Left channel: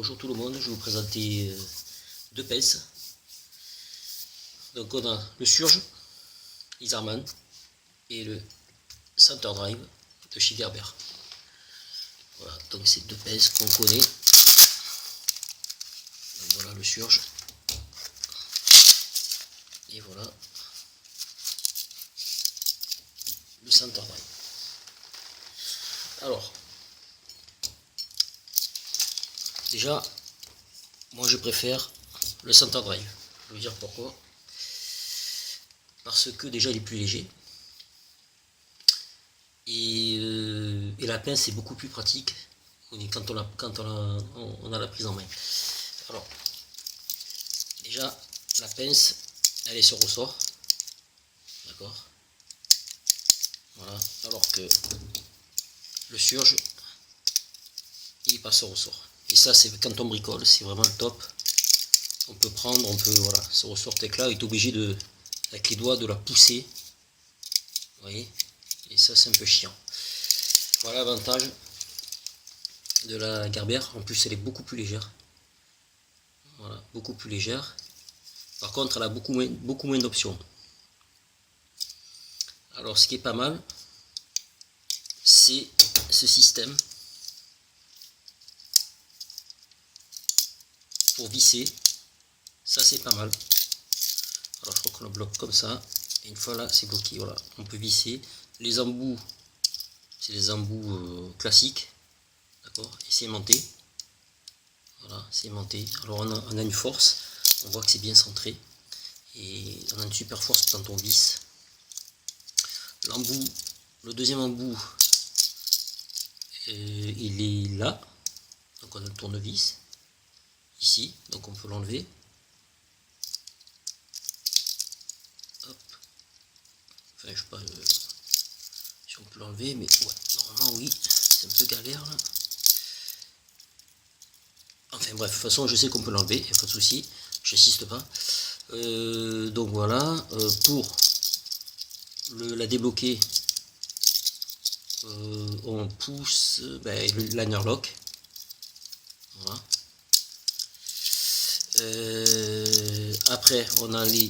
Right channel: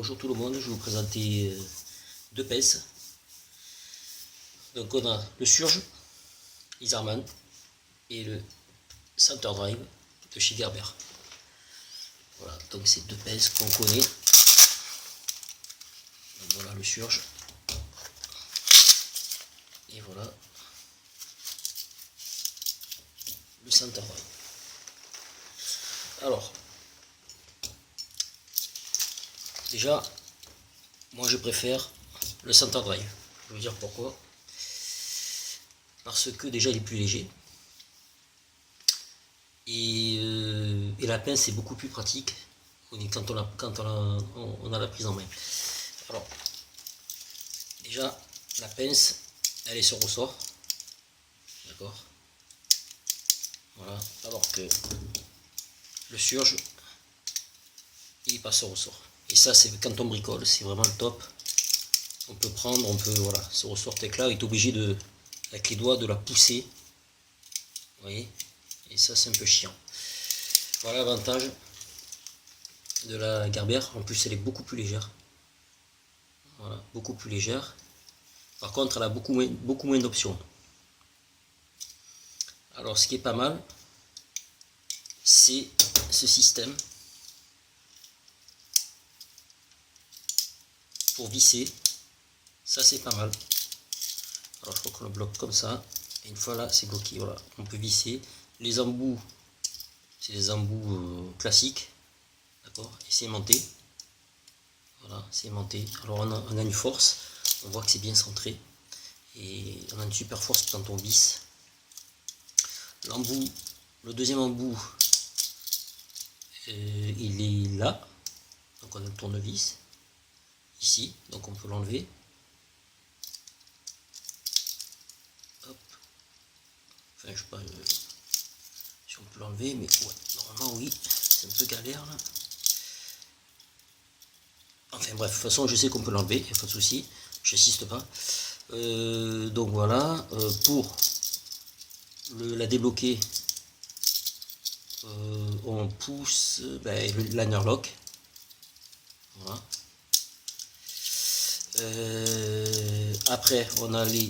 Bonjour tout le monde, je vais vous présenter deux pinces. Donc on a le Surge Isarman et le Center Drive de chez Gerber. Voilà, donc c'est deux pinces qu'on connaît. Donc voilà le Surge. Et voilà le Center Drive. Alors, déjà, moi je préfère le Center Drive. Je vais vous dire pourquoi. Parce que déjà il est plus léger. Et la pince est beaucoup plus pratique quand on a la prise en main. Alors, déjà, la pince, elle est sur ressort. D'accord. Voilà. Alors que le Surge, il n'est pas sur ressort. Et ça, c'est quand on bricole, c'est vraiment le top. On peut prendre, voilà, ce ressort là, il est obligé de, avec les doigts, de la pousser. Vous voyez. Et ça, c'est un peu chiant. Voilà l'avantage de la Gerber. En plus, elle est beaucoup plus légère. Voilà, beaucoup plus légère. Par contre, elle a beaucoup moins d'options. Alors, ce qui est pas mal, c'est ce système pour visser. Ça, c'est pas mal. Alors, je crois qu'on le bloque comme ça. Et une fois là, c'est bloqué. Voilà, on peut visser. Les embouts, c'est des embouts classiques. D'accord. Et c'est aimanté. Voilà, c'est aimanté. Alors, on a une force. On voit que c'est bien centré. Et on a une super force quand on visse. L'embout, le deuxième embout, il est là. Donc on a le tournevis ici, donc on peut l'enlever. Hop. Enfin, je sais pas si on peut l'enlever, mais ouais, normalement oui, c'est un peu galère là. Enfin bref, de toute façon je sais qu'on peut l'enlever, il n'y a pas de souci, j'insiste pas. Donc voilà, pour la débloquer, on pousse le liner lock. Voilà. Après on a je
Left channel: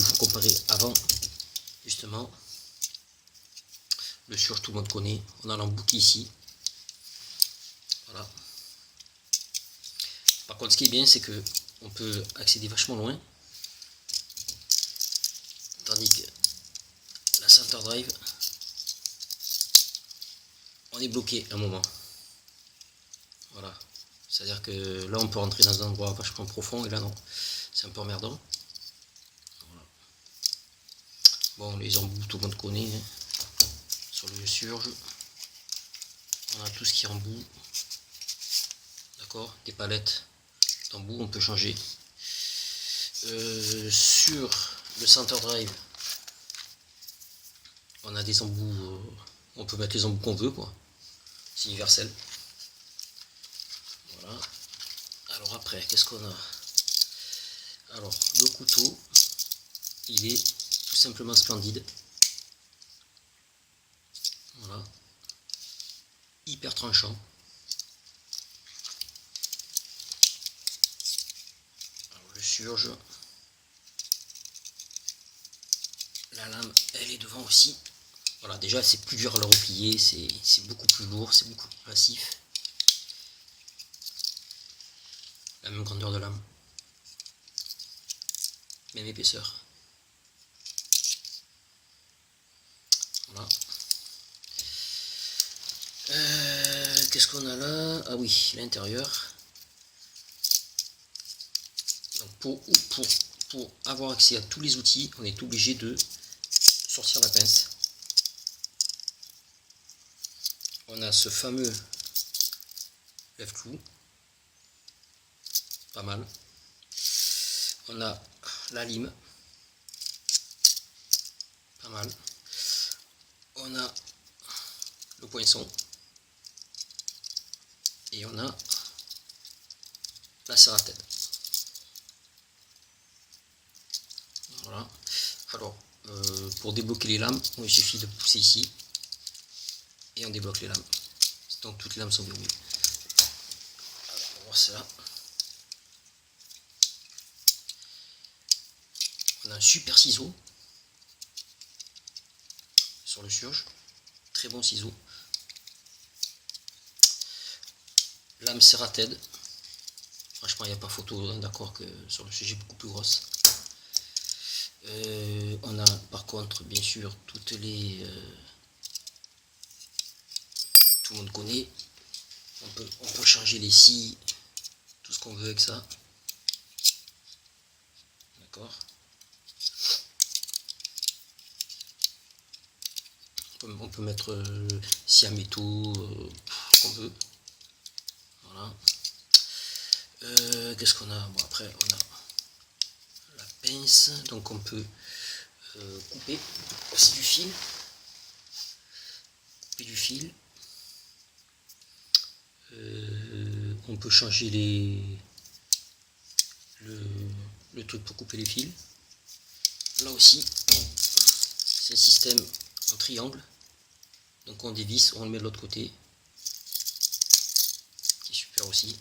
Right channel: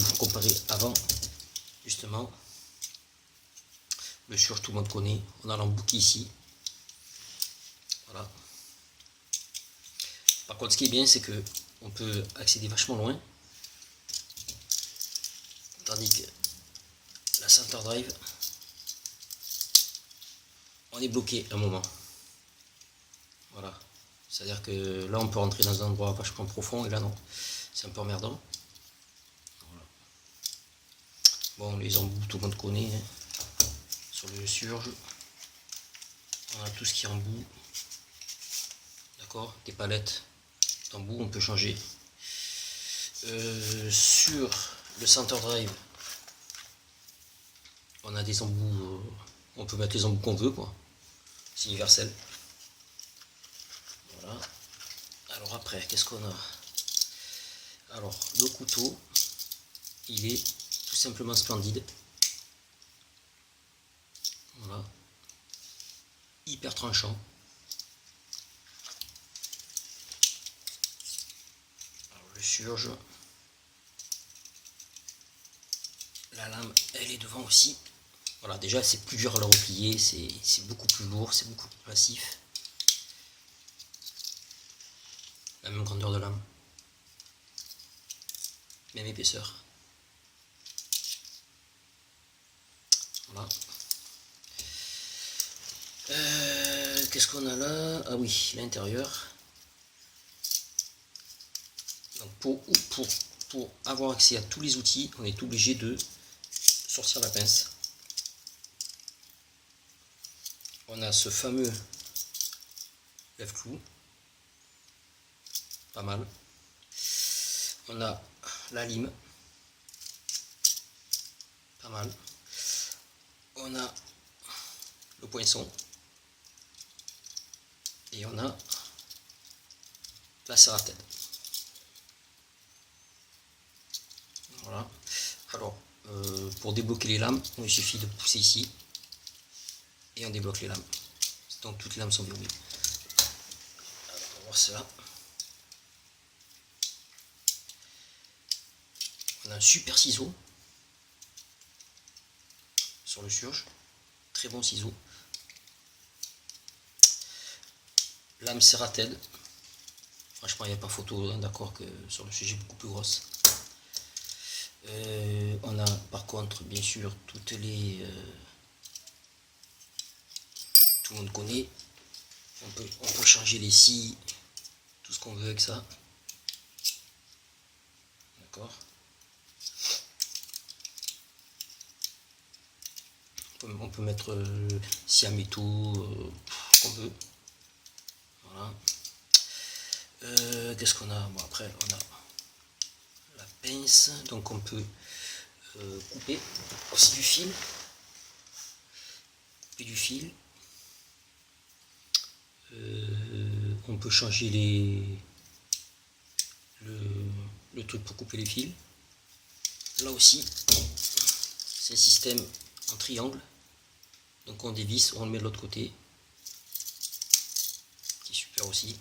vais vous comparer avant justement. Le Surge, tout le monde connaît. On a l'embout ici. Voilà. Par contre, ce qui est bien, c'est que on peut accéder vachement loin. Tandis que la Center Drive, on est bloqué un moment. Voilà. C'est-à-dire que là, on peut rentrer dans un endroit vachement profond et là, non. C'est un peu emmerdant. Voilà. Bon, les embouts, tout le monde connaît. Hein. Sur le Surge, on a tout ce qui est embout. D'accord. Des palettes d'embout, on peut changer. Sur le Center Drive, on a des embouts, on peut mettre les embouts qu'on veut, quoi. C'est universel. Voilà. Alors après, qu'est-ce qu'on a? Alors, le couteau, il est tout simplement splendide. Voilà. Hyper tranchant. Alors, le Surge. La lame, elle est devant aussi. Voilà, déjà c'est plus dur à le replier, c'est beaucoup plus lourd, c'est beaucoup plus massif. La même grandeur de lame. Même épaisseur. Voilà. Qu'est-ce qu'on a là? Ah oui, l'intérieur. Donc pour avoir accès à tous les outils, on est obligé de sortir la pince. On a ce fameux lève-clou, pas mal. On a la lime, pas mal. On a le poinçon. Et on a la serre à tête. Voilà. Alors, pour débloquer les lames, il suffit de pousser ici. Et on débloque les lames. Donc toutes les lames sont verrouillées. passe là. On a un super ciseau sur le surge, très bon ciseau. Lame Serrated, franchement il n'y a pas photo, hein, d'accord, que sur le sujet beaucoup plus grosse. On a par contre bien sûr toutes les... tout le monde connaît, on peut changer les scies, tout ce qu'on veut avec ça. D'accord. On peut mettre scie à métaux, ce qu'on veut. Voilà. Qu'est-ce qu'on a? Bon, après on a la pince, donc on peut couper aussi du fil. Couper du fil. On peut changer le truc pour couper les fils. Là aussi, c'est le système en triangle. Donc on dévisse, on le met de l'autre côté. C'est super aussi.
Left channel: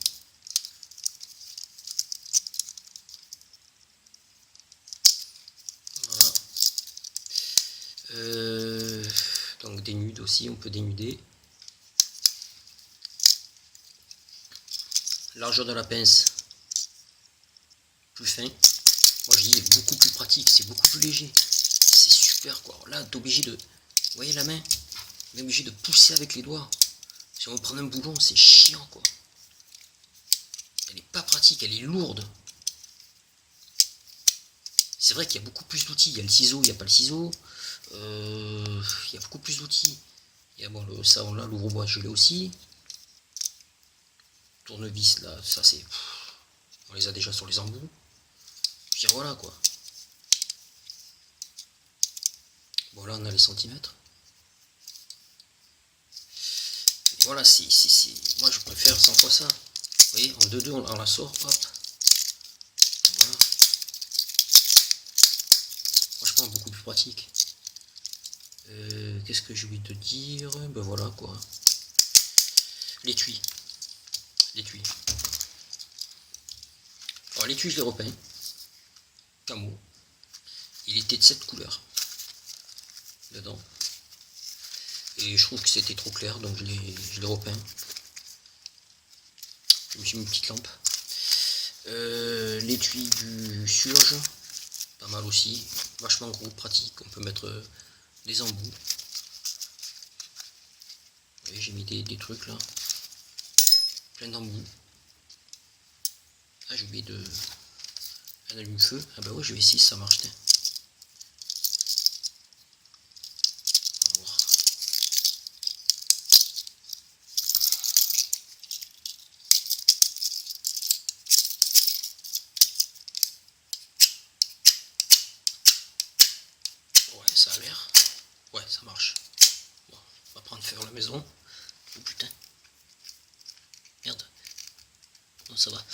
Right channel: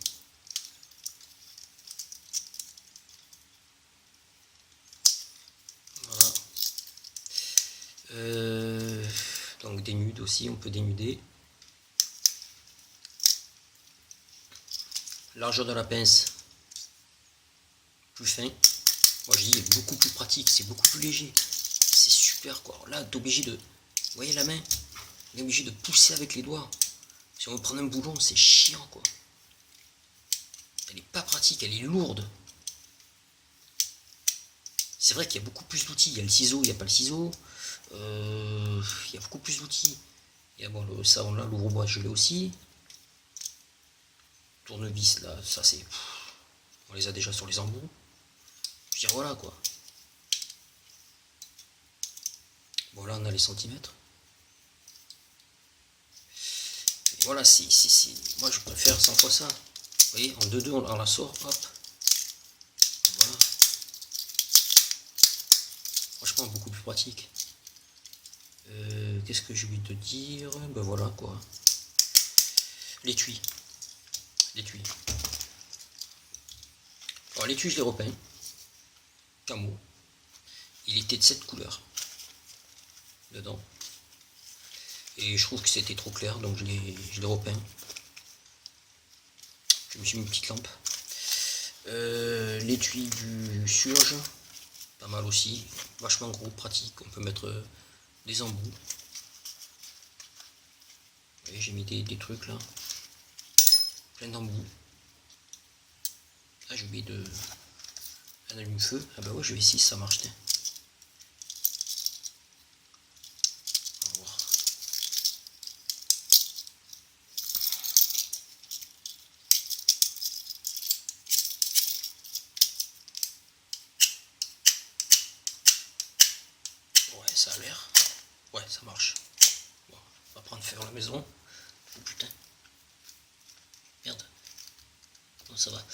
Voilà. Donc dénude aussi, on peut dénuder. Largeur de la pince, plus fin. Moi je dis, il est beaucoup plus pratique, c'est beaucoup plus léger. C'est super quoi. Là, t'es obligé de... Vous voyez la main? On est obligé de pousser avec les doigts. Si on veut prendre un boulon, c'est chiant quoi. Elle est pas pratique, elle est lourde. C'est vrai qu'il y a beaucoup plus d'outils. Il y a le ciseau, il n'y a pas le ciseau. Il y a beaucoup plus d'outils. Il y a bon, le savon là, l'ouvre-bois, je l'ai aussi. Tournevis là, ça c'est... On les a déjà sur les embouts. Je veux dire, voilà quoi. Bon là on a les centimètres. Voilà, moi je préfère 100 fois ça. Vous voyez, en 2-2 on la sort, hop. Voilà. Franchement beaucoup plus pratique. Qu'est-ce que j'ai oublié de dire? Ben voilà quoi. L'étui. L'étui. Alors l'étui je l'ai repeint. Camo. Il était de cette couleur. Dedans. Et je trouve que c'était trop clair, donc je l'ai repeint. Je me suis mis une petite lampe. L'étui du surge, pas mal aussi. Vachement gros, pratique. On peut mettre des embouts. Et j'ai mis des trucs là. Plein d'embouts. Ah, j'ai oublié de... un allume-feu. Ah bah ouais, je vais essayer si ça marche. Ouais, ça a l'air. Ouais, ça marche. Bon, on va prendre feu à la maison. Oh putain. Merde. Non, ça va.